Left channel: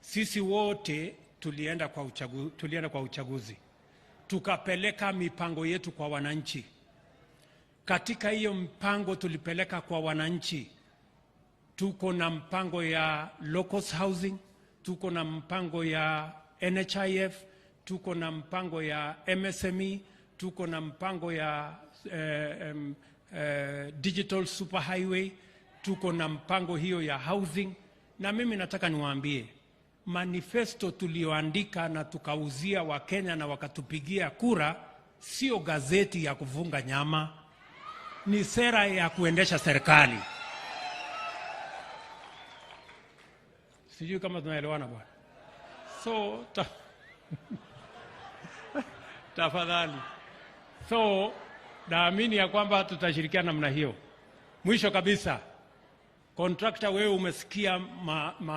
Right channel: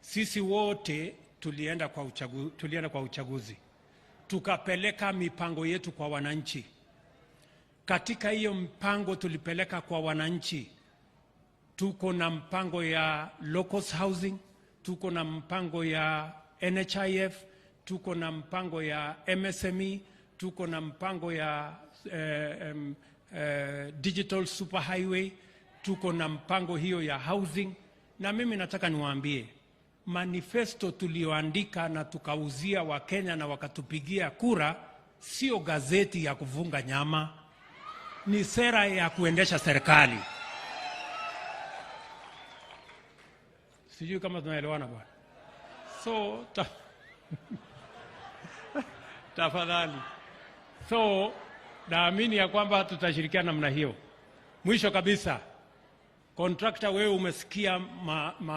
Sisi wote tulienda kwa uchaguzi. Tukapeleka mipango yetu kwa wananchi. Katika hiyo mpango tulipeleka kwa wananchi, tuko na mpango ya low-cost housing, tuko na mpango ya NHIF, tuko na mpango ya MSME, tuko na mpango ya digital superhighway, tuko na mpango hiyo ya housing. Na mimi nataka niwaambie, manifesto tulioandika na tukauzia Wakenya na wakatupigia kura, sio gazeti ya kufunga nyama, ni sera ya kuendesha serikali. Sijui kama tunaelewana bwana. So tafadhali. So naamini ya kwamba tutashirikiana namna hiyo. Mwisho kabisa, contractor, wewe umesikia